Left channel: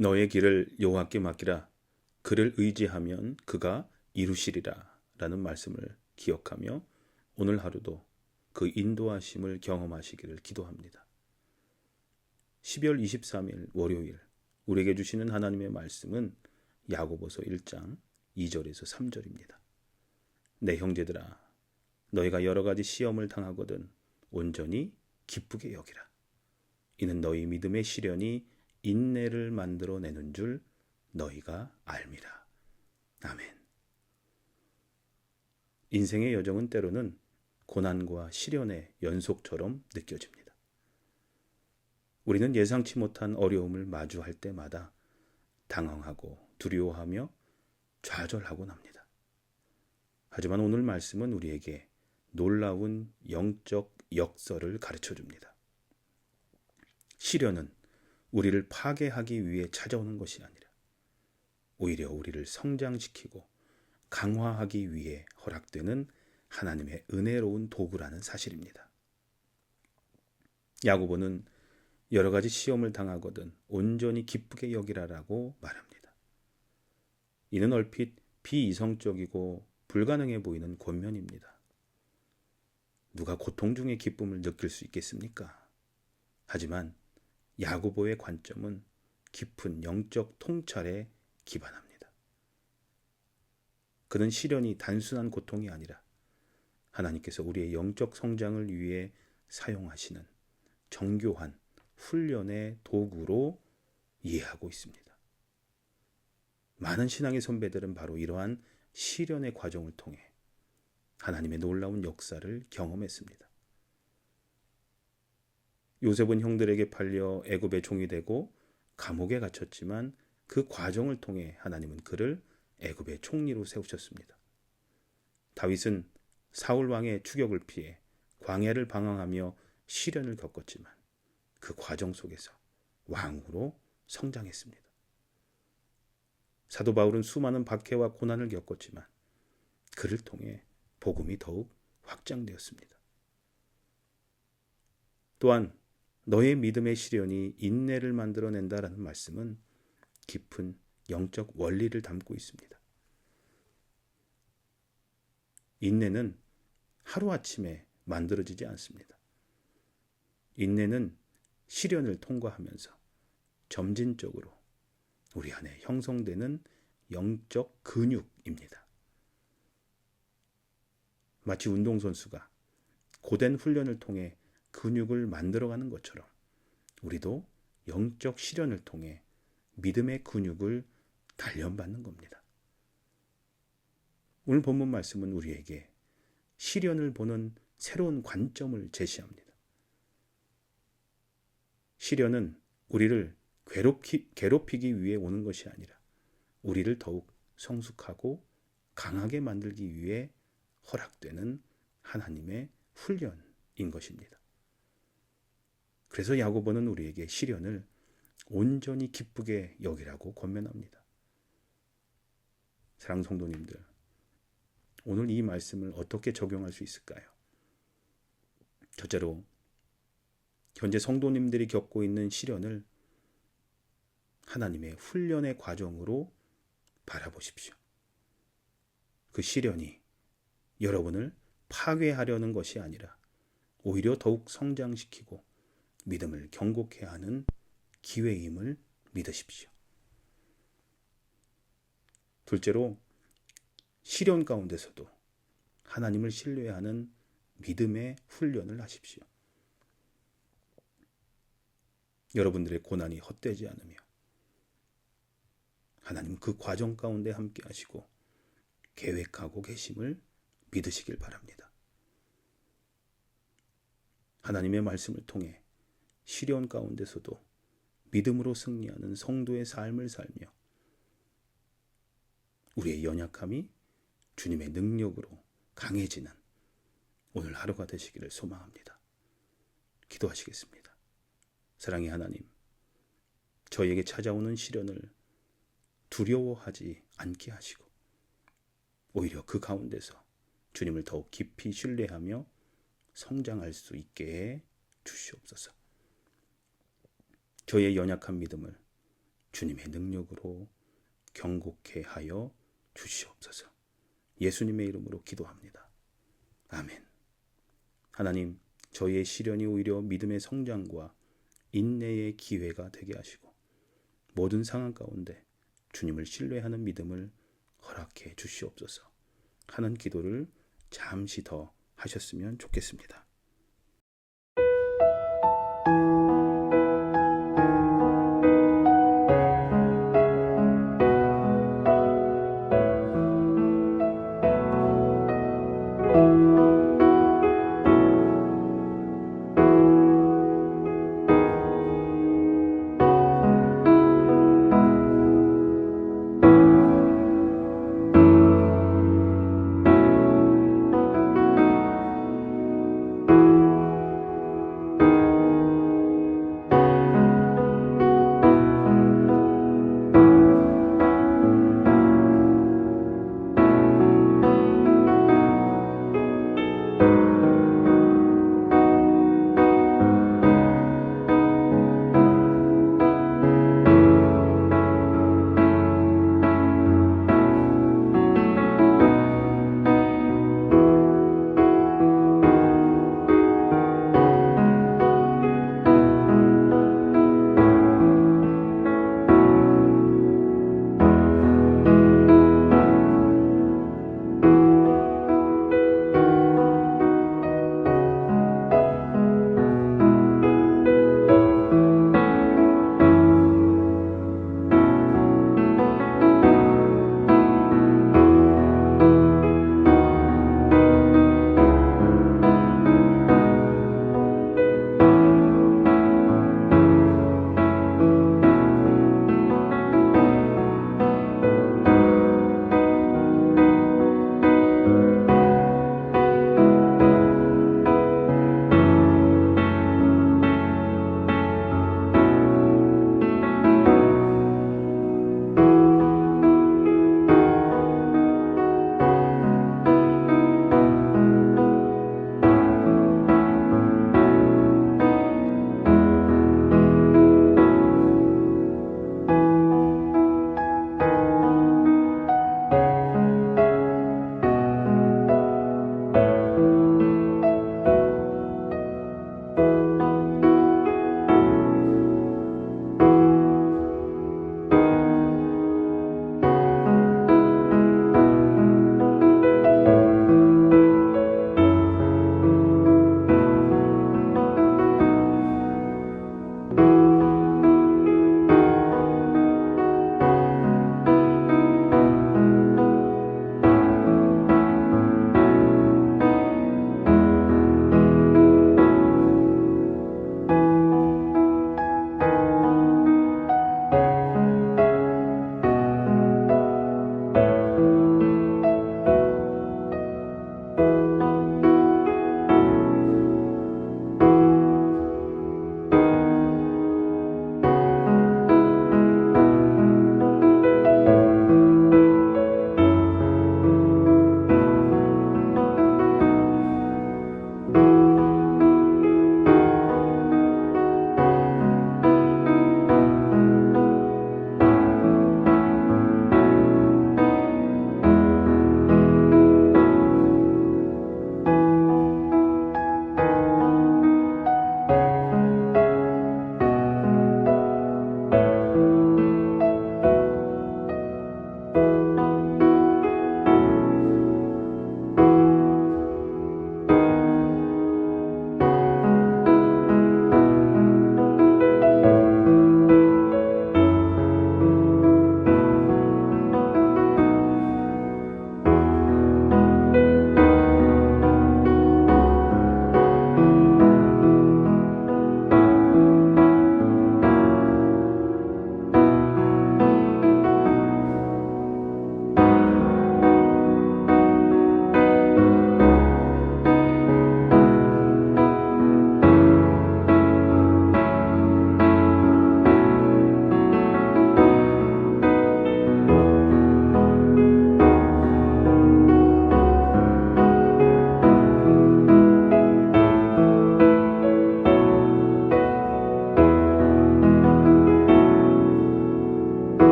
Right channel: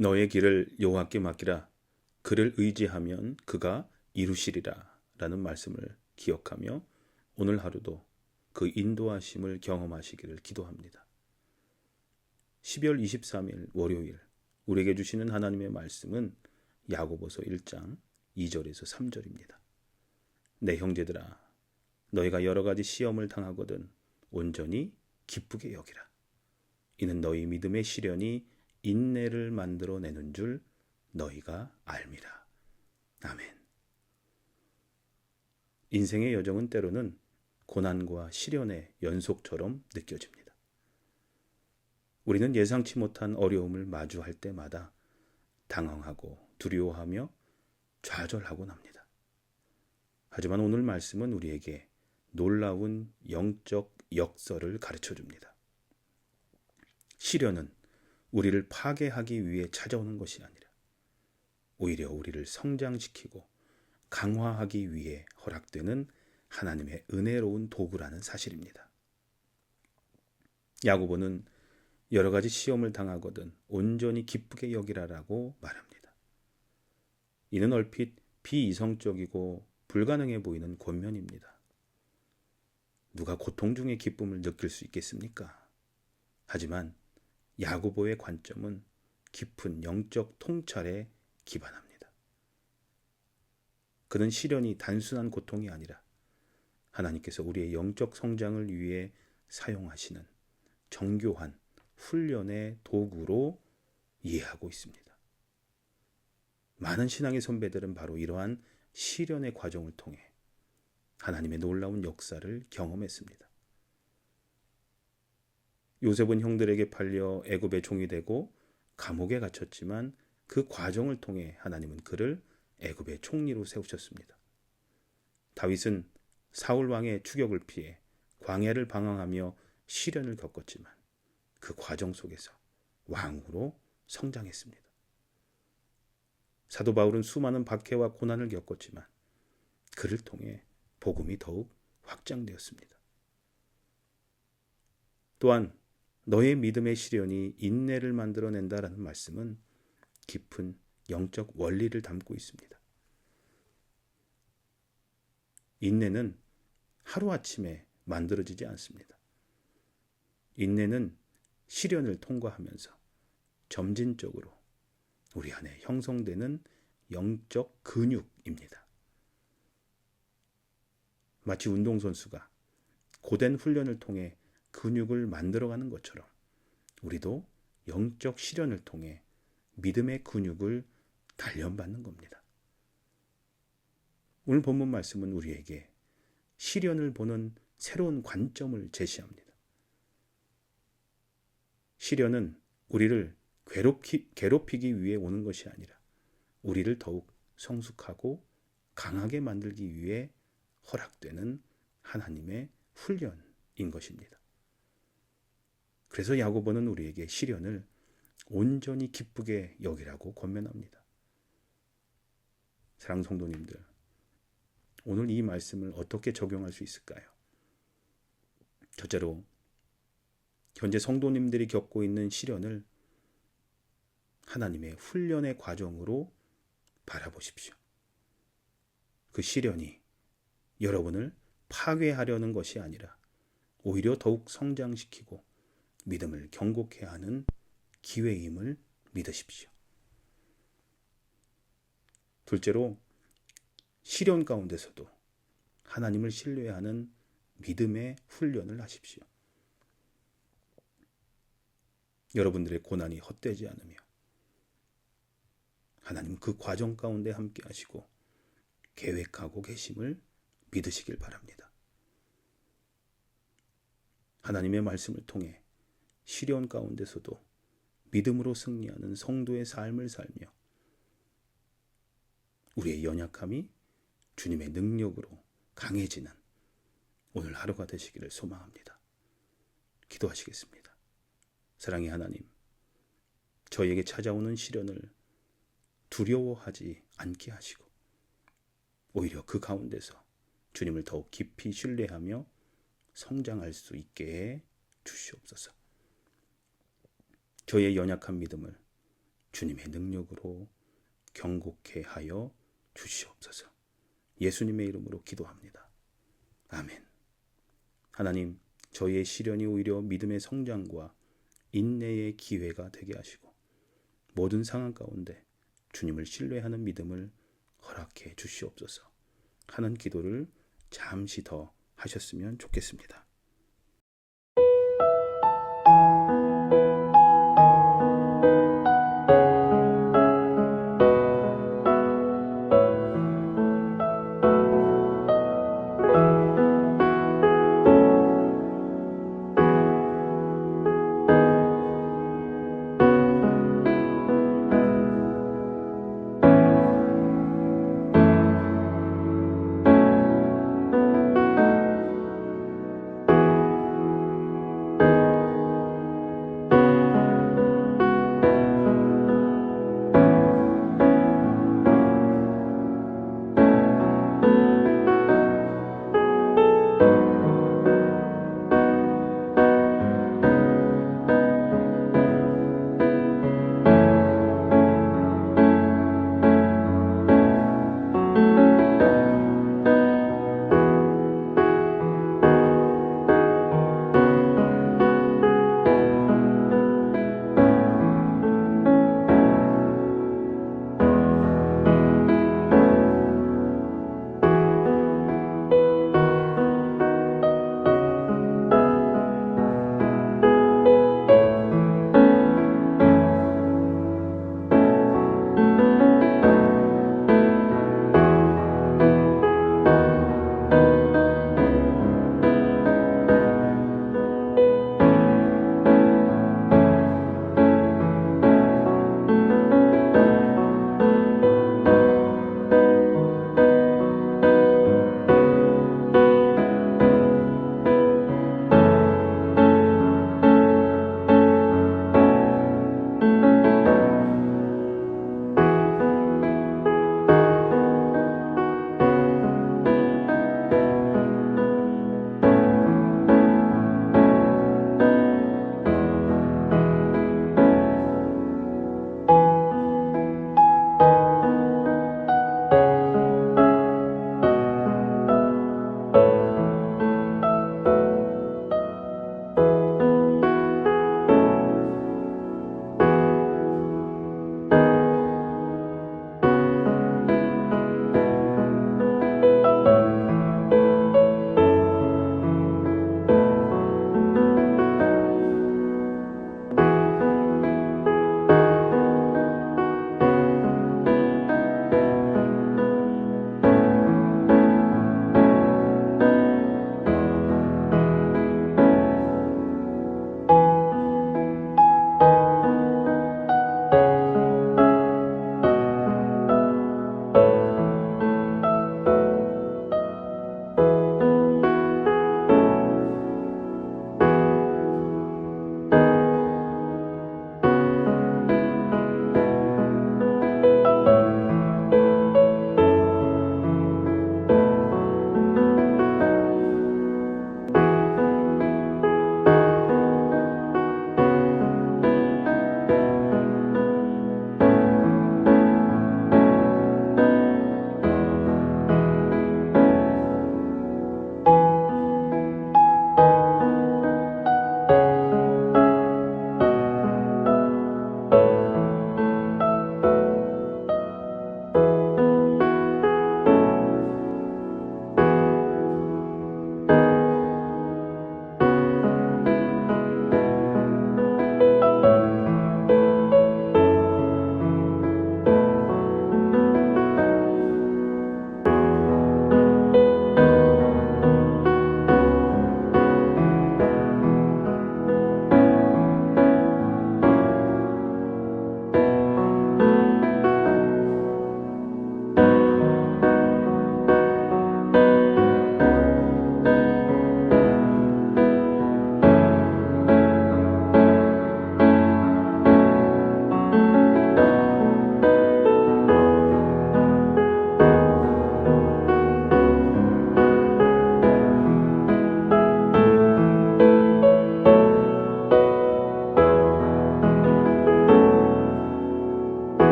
너의 길을 여호와께 맡기라. 그를 의지하면 그가 이루시리라 라는 말씀을 기억하며 오늘 하루도 그 인도하심을 경험하시기를 기도합니다. 12월 23일 월요일 우리에게 주시는 하나님의 말씀은 야고보서 1장 2절에서 3절입니다. 내 형제들아, 너희가 여러 가지 시험을 당하거든 온전히 기쁘게 여기라. 이는 너희 믿음의 시련이 인내를 만들어내는 줄 너희가 알미라. 아멘. 인생의 여정은 때로는 고난과 시련의 연속처럼 느껴집니다. 우리는 예상치 못한 어려움을 마주할 때마다 당황하고 두려워하며 좌절하곤 합니다. 하지만 오늘 말씀은 우리에게 놀라운 영적 역설을 가르쳐 줍니다. 시련은 우리를 파괴하기 위해 찾아오는 것이 아니라 오히려 우리를 성장시키고 강화하기 위해 허락되는 하나님의 은혜로운 도구라는 사실입니다. 야고보는 여러 가지 시험을 당하거든 온전히 기쁘게 여기라라고 말합니다. 이는 얼핏 비이성적이고 불가능해 보이는 권면입니다. 누가 고통 중에 기쁨을 느낄 수 있겠습니까? 하지만 야고보의 관점은 깊은 영적 통찰에 기반합니다. 그는 시련이 단순한 고통이 아니라 하나님께서 우리의 영적 성장을 위해 사용하시는 정교한 훈련의 도구로 이해하고 있습니다. 많은 신앙의 선배들은 바로 이러한 시련의 과정을 통해 하나님의 놀라운 역사를 경험했습니다. 요셉은 형들에게 팔려 애굽의 종이 되고 감옥에 갇혔지만 그 과정을 통해 하나님은 그를 애굽의 총리로 세우셨습니다. 다윗은 사울 왕의 추격을 피해 광야를 방황하며 시련을 겪었지만 그 과정 속에서 왕으로 성장했습니다. 사도 바울은 수많은 박해와 고난을 겪었지만 그를 통해 복음이 더욱 확장되었습니다. 또한 너의 믿음의 시련이 인내를 만들어낸다라는 말씀은 깊은 영적 원리를 담고 있습니다. 인내는 하루아침에 만들어지지 않습니다. 인내는 시련을 통과하면서 점진적으로 우리 안에 형성되는 영적 근육입니다. 마치 운동선수가 고된 훈련을 통해 근육을 만들어가는 것처럼 우리도 영적 시련을 통해 믿음의 근육을 단련받는 겁니다. 오늘 본문 말씀은 우리에게 시련을 보는 새로운 관점을 제시합니다. 시련은 우리를 괴롭히기 위해 오는 것이 아니라 우리를 더욱 성숙하고 강하게 만들기 위해 허락되는 하나님의 훈련인 것입니다. 그래서 야고보는 우리에게 시련을 온전히 기쁘게 여기라고 권면합니다. 사랑하는 성도님들, 오늘 이 말씀을 어떻게 적용할 수 있을까요? 첫째로, 현재 성도님들이 겪고 있는 시련을 하나님의 훈련의 과정으로 바라보십시오. 그 시련이 여러분을 파괴하려는 것이 아니라 오히려 더욱 성장시키고 믿음을 견고케 하는 기회임을 믿으십시오. 둘째로, 시련 가운데서도 하나님을 신뢰하는 믿음의 훈련을 하십시오. 여러분들의 고난이 헛되지 않으며 하나님 그 과정 가운데 함께 하시고 계획하고 계심을 믿으시길 바랍니다. 하나님의 말씀을 통해 시련 가운데서도 믿음으로 승리하는 성도의 삶을 살며 우리의 연약함이 주님의 능력으로 강해지는 오늘 하루가 되시기를 소망합니다. 기도하시겠습니다. 사랑의 하나님, 저에게 찾아오는 시련을 두려워하지 않게 하시고 오히려 그 가운데서 주님을 더욱 깊이 신뢰하며 성장할 수 있게 해 주시옵소서. 저의 연약한 믿음을 주님의 능력으로 경고케 하여 주시옵소서. 예수님의 이름으로 기도합니다. 아멘. 하나님, 저희의 시련이 오히려 믿음의 성장과 인내의 기회가 되게 하시고 모든 상황 가운데 주님을 신뢰하는 믿음을 허락해 주시옵소서 하는 기도를 잠시 더 하셨으면 좋겠습니다.